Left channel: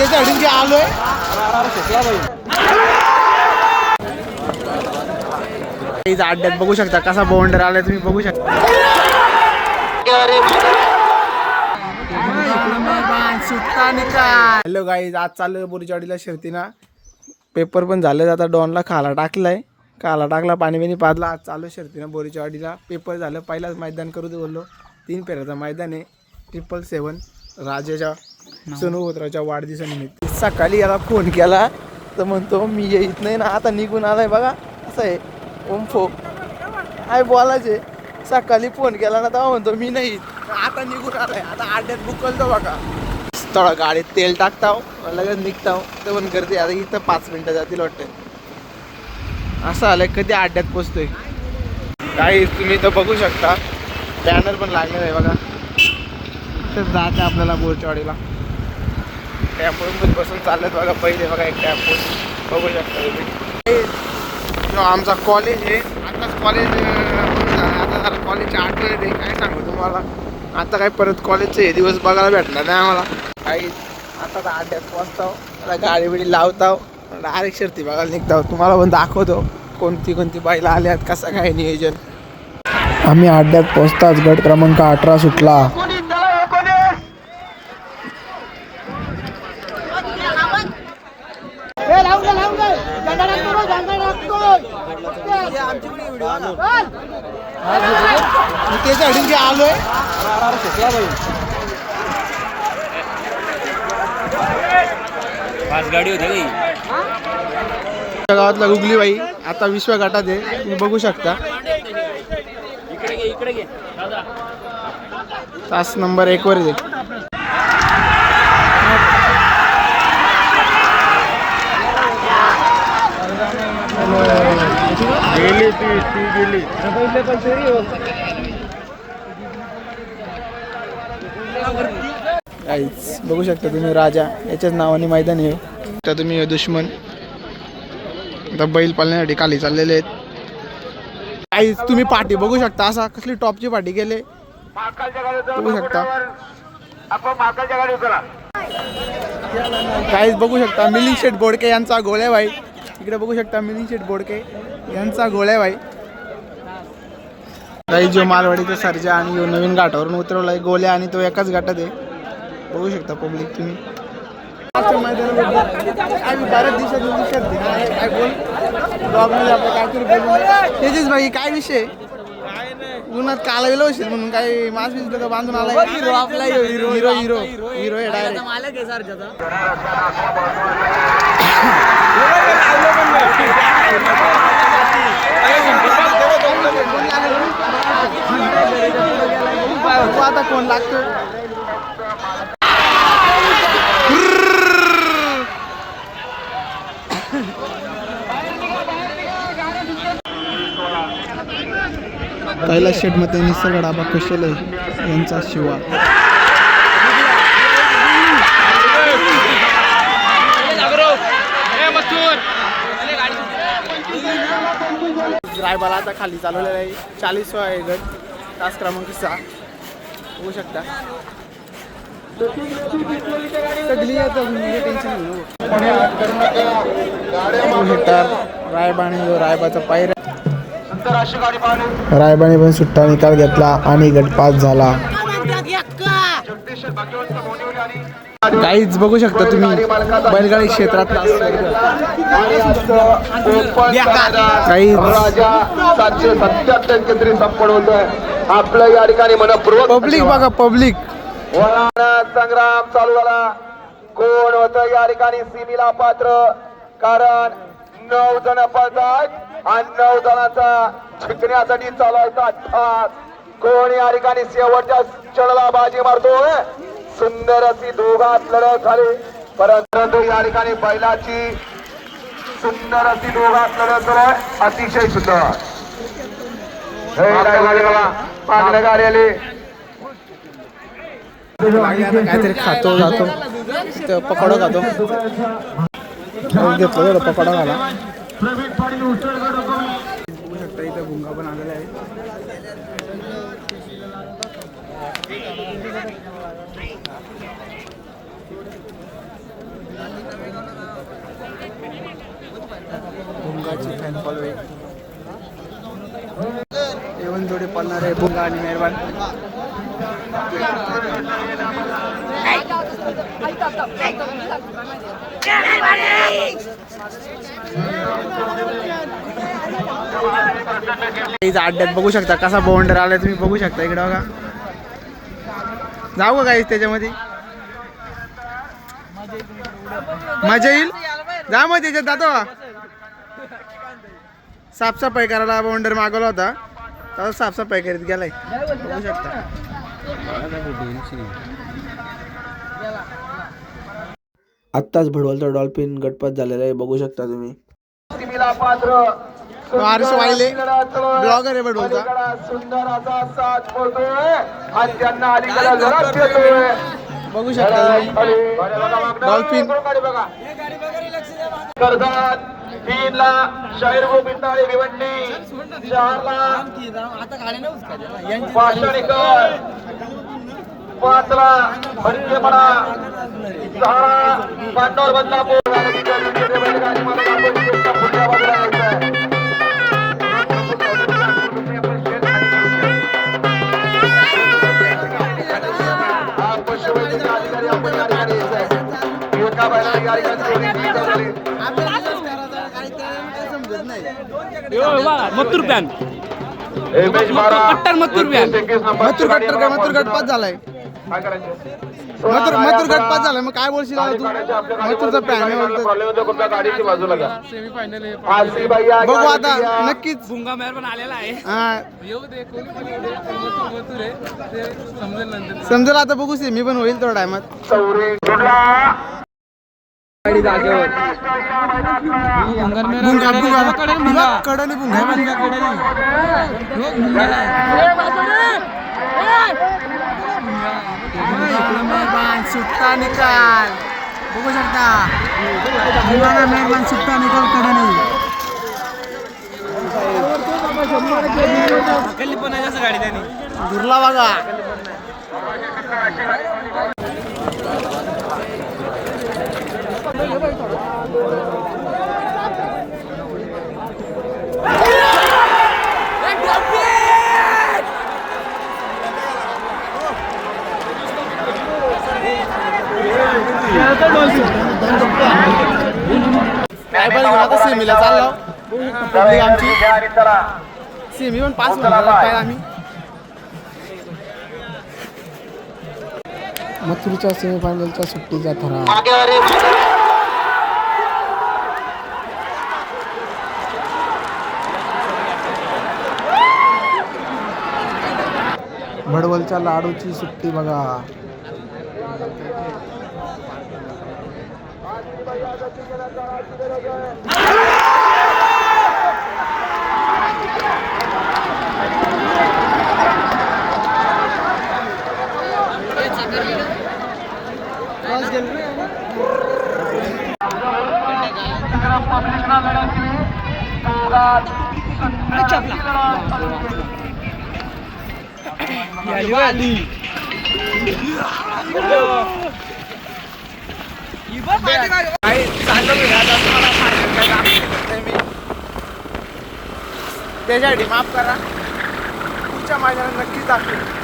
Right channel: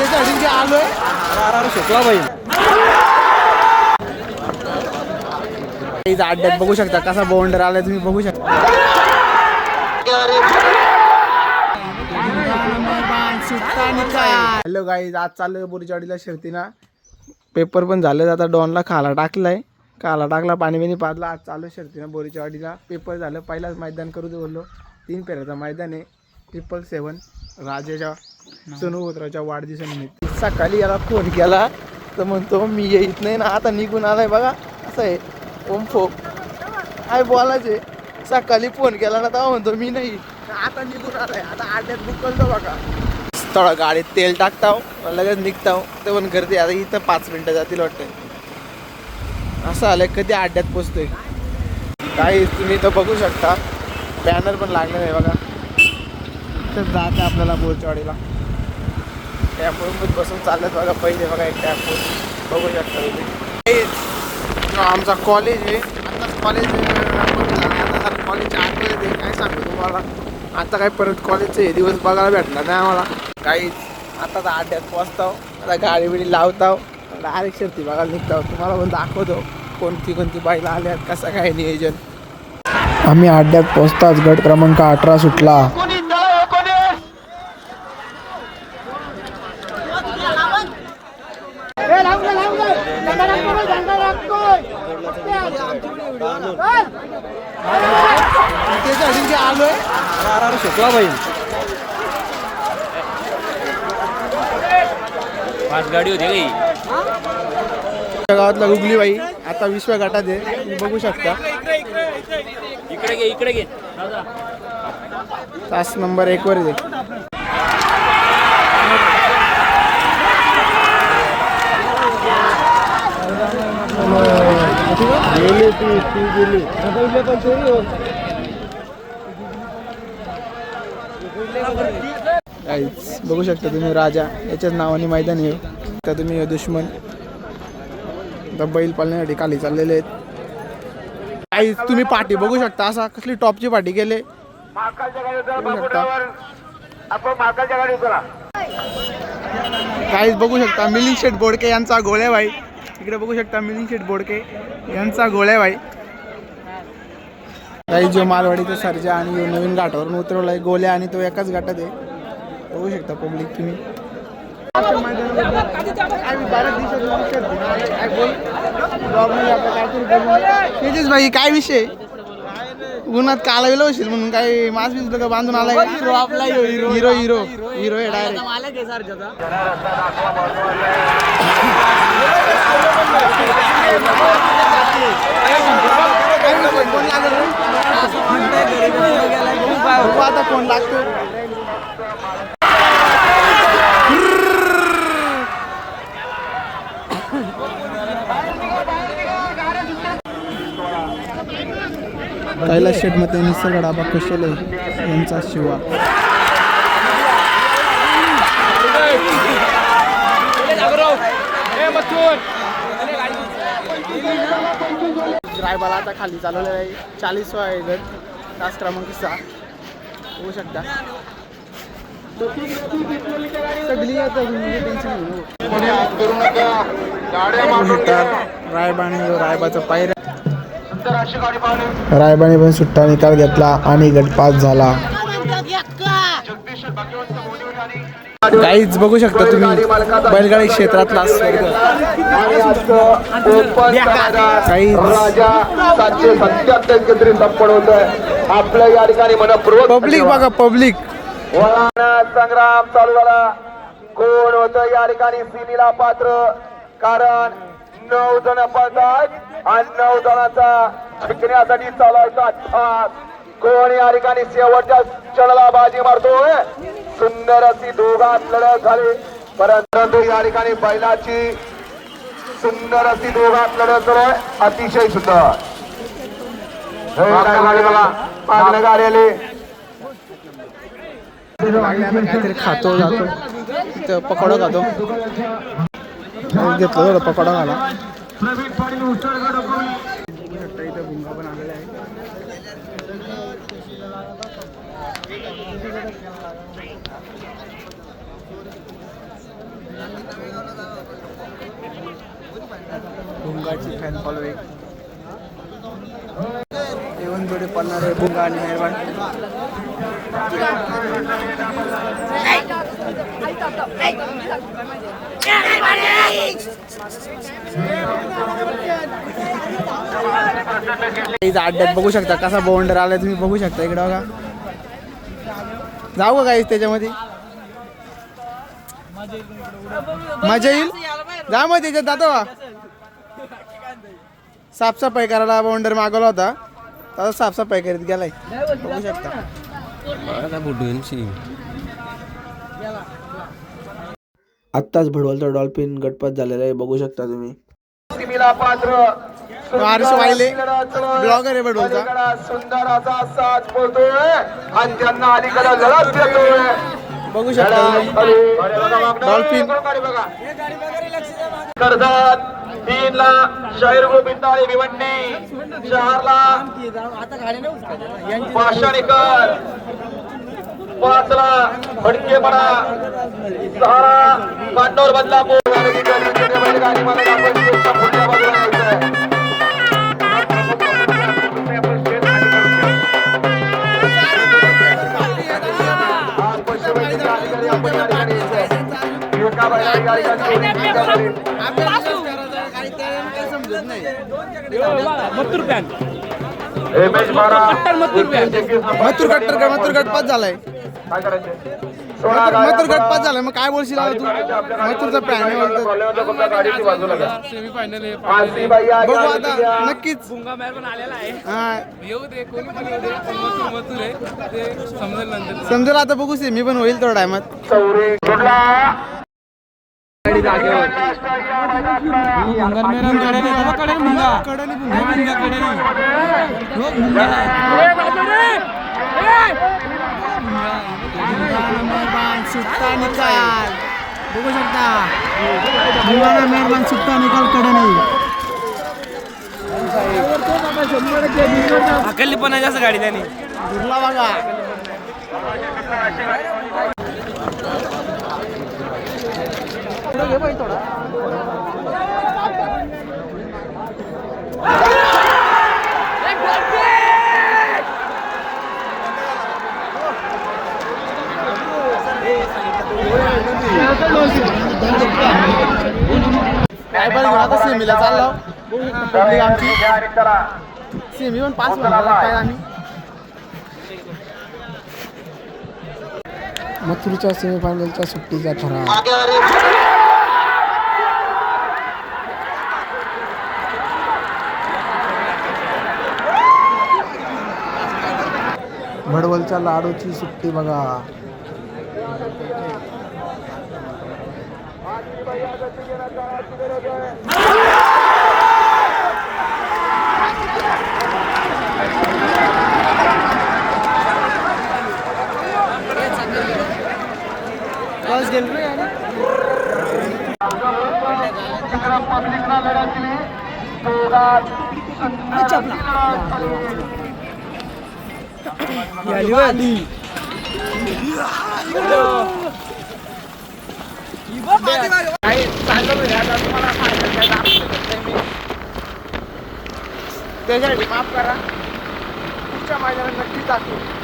आलोय अड्ड्यात बघू शकता कसा बाउंडर आलाय तुम्ही बघू शकता. हॅलो गाईज, आज चालू बोरीचवाडीला शर्तीना. पेपर पण झाले, आता डॉनला खाला टाकलाय, खाला टाकला, पाणी बिणी पाजला. आज चालू शर्तीना बोरीचवाडीला. पेपर झालं, पहिलाच मैदान करू दे बोललो. 3 फेऱ्याचं मैदान आहे. 777 राजाच्या सोनूपुत्राच्या वाढदिवसानिमित्त. सकाळी याला फोन केला तर म्हणतो मी येत नाही ना, आता निघून आलाय. बघा असं आहे ओमफो, काय बोलायचे. सकाळी फोन केला ना तेव्हा म्हणतो मी नाही, आता निघून आलाय. आता अड्ड्यात बुक करतो बघा. थोडा गाडीत तेल टाकताव, लगेच निघताव. तर पण गर्दी आता इथं 5 मिनिटं जातील वाटतं. असं आलंय कधी अड्ड्यात पोचतोय. काही तुम्ही तर बघू शकता, बॅनर पण लागलेला आहे बघा. तर जायचं आपल्याला बोरचवाडीला. टॅम्पोमध्ये बसून चालत बघा. पहिले बघा एक टॅम्पो बघू शकता तुम्ही. आमचा कॉलेज आहे, आताच कॉलेज आता जरा कॉलेजच्या आठवण येते. काय सांगू तुम्हाला, आता काय परत कॉलेजचे हे दिवस बघायला भेटणार नाही आम्हाला. काहीच आता तर अड्ड्यात पोचताव, आता गाडी बिडी लावताव, डायरेक्ट शर्ती बघायला निघताव. तुम्हाला पण दाखवतो कोणती कोणती बाईला आल्यात, कसं काय नियोजन. आम्ही अड्ड्यात पोचताच गट क्रमांक 18 सुटला. आलोय गाडी होती गावातला गुगली बाई आता विश्व गटात आहे, तुम्ही बघू शकता. इकडे घे तास नंबर 1 वर आहे. बघू शकता तुम्ही, राजा याच्याच नावाने मैदान आहे. तर तुम्ही दुश्मन आता बैल पाळण्यासाठी खाली चाललेले आहेत. काहीच तुम्ही पाठी बघू शकता, असा कसली टॉपची पाठी केले बघू शकता. काहीच बघू शकता मिलिंद शेठ बोडके यांचा गोळ्या भाई. इकडे बघू शकता मिलिंद शेठ बोडके यांचा गोळ्या भाई. काही जो मालवाडीचा सर्जा आणि यो नवीन घाटावरून उतरवलाय गोल्या, आणि तो एकाच घाटात आहे. बघू शकता पब्लिक तुम्ही. बऱ्याच दिवसात काय बोल ब्लॉगमध्ये आपल्या काहीतरी बोलून त्याचीच भाई. काय विषय उन्हात काला गेलो असेल म्हणून काही मास्क बिस्क का बांधून आलाय. हिरो आपला हिरो हिरो हिरो हिरो आहे डायरेक्ट. आता कोण लागतोय. कैलास शेठ मध्ये निसर्ग डाबा कशेल यांचा शिवा. रायबाला आता खाली चालवलेला आहे. 40वा आहे गट, तास क्रमांक 6 होऊ शकता. सगळी टेन्शन घेऊ शकता. रायबाने रायबाचा पायऱ्या, रायबाने पण सुट्टा निकाल घेतला आणि गट पास झाला. काहीच बघू शकता तुम्ही बैलगाडी क्षेत्रातला काही आपल्या या ठिकाणी पब्लिक बघा. पब्लिक संग्राम चालू झाला. कोण होत या ठिकाणी सीमेला पात्र, कारण 9 जण पळतात आणि 9 जणांचा जिंकण्यासाठी चालायचा ठास. कोण या ठिकाणी शेवटच्या क्षणाला बाजी मारतोय. सुंदर अशी दोघात लढत झाली, परंतु या ठिकाणी बैलाची सुंदर अशी दोघात लढत आहे. अतिशय सुंदर गाडी आली. काहीतरी खातो जातो तिथं पकोडा खातो. घेतलं थोडं पकोडा घाला. बघू शकता इथं भुंगा पण आलेला आहे. त्यांची फॅन फॉलोईंग. येऊन जोडे पळणारे बुंगा आणि मेहरबान. अड्ड्यात बघू शकता कसा बाउंडर आलाय तुम्ही बघू शकता इकडे बघा. जाऊ का काही त्याच्यामध्ये मजा येईल. जा मग त्याच्यात जातो का. साफसफाई करायला बाउंडर मागवला होता तर साफसफाई करीत गेलाय बघू शकता. आत्ताच भडवलचा डॉल्फिन गटपात झालेला आहे बघू शकता तुम्ही. हर्ष वाहिले ब्लॉगर आहे भडवलचा. सुंदर असा साज पोहतोय आणि त्यांना अलीकडे लढत देतोय बघू शकता तुम्ही डॉल्फिन. कर्जत 3 ला शाहीर गोविंदाळे भिवंडी, 4 ला पाषाणीकर, 5 ला फडकेपणा, 6 ला कांडोर बदलापूर. मथुर गटपात झालाय. मथुर गटपात झालाय. मग काय बोलशील तू. मथुरचा पॅन आहे बोलतो. बघू आता नक्कीच. समजेल आता बघू सेमी पण होईल थोड्या टायमात. सुट्टा निकाल बघू शकता. मेहरबान सुट्टा निकाल कडे नाही. पण आहे जास्त गाडी त्याने दुर्ला बघा. ट्रायबल घेऊन आता सेमीला चाललो. पब्लिक आमची सेमी पण पास होणार काय आम्ही. मथुरच्या सेमीफायनलच्या सुट्टीचा ठराव. भडवलच्या लाडूची सुट्टी बघा. त्याच्यासाठी माफ करा. पुढच्या मैदानात नक्की दाखवेल.